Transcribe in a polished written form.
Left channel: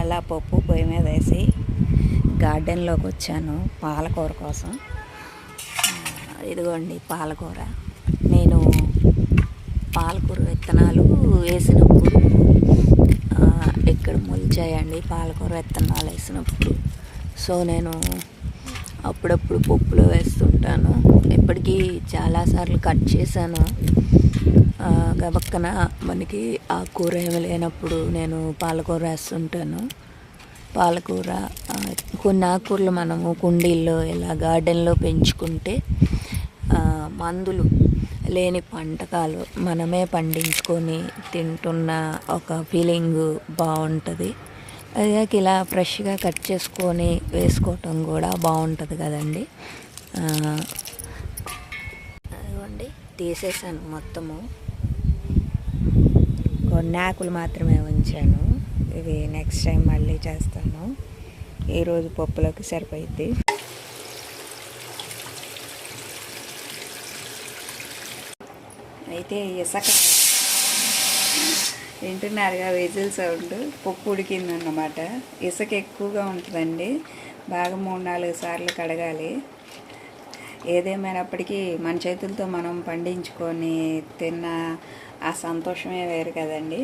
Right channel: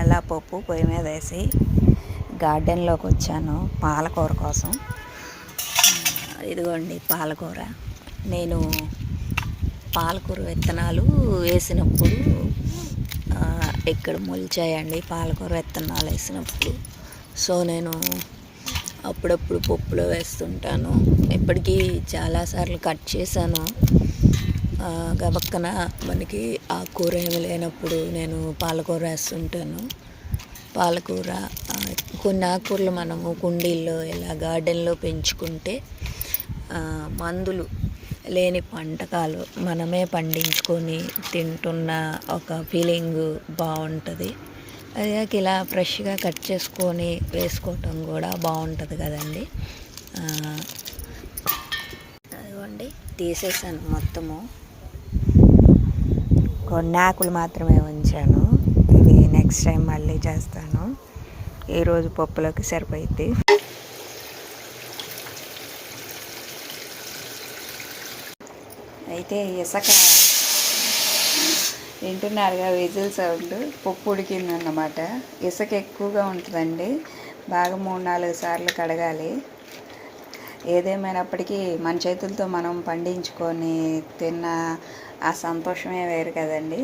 అలా పప్పు పొయ్యి మీద వేసి గార్డెన్లోకి వచ్చాను పాలకూర కోసం. ఇదిగోండి పాలకూర. నేను పాలకూర విత్తనాలు వేసినప్పుడు ఇక్కడ మొలిచాయండి పాలకూర విత్తనాలు వేసినప్పుడు. సో నేను అప్పుడప్పుడు పప్పులో వేస్తుంటాను. ఇప్పటికీ చాలాసార్లు కట్ చేశాను. గబక్కన మనకి ఆకుకూర ఏమి లేనప్పుడు నేను పాలకూర వేస్తుంటాను. పాలకూర కొన్ని ఆకుకూరలు మనము కుండీల్లో ఇలా గార్డెన్లో పెంచుకుంటే మందులు లేని వంటకాలు మనమే పండించుకొని తింటున్న ఒక ఫీలింగ్ బాగుంటుంది. అదే ఇలా ఫ్రెష్గా కట్ చేసుకొని వేసుకోవటం కూడా బాగుంటుంది కదండి. అదిగోండి తీసేసాను మొత్తము. కొన్ని ఆకులు మాత్రమే ఉంచాను. ఇవి నెక్స్ట్ టైం మళ్ళీ చేస్తాను. ఈరోజు పప్పులోకి సరిపోయింది. అయితే ఇసుక వింటున్నారుగా విజిల్ సౌండ్. పప్పు ఉడికిందన్నమాట. ఇసుక ఎక్కువగా ఉంటుందండి. బాగా 3-4 సార్లు కడగాలి. ఏదేమైనప్పటికీ మన చేతులతో మనం పండించుకొని తిన్న ఆ సంతోషమే వేరు కదండి.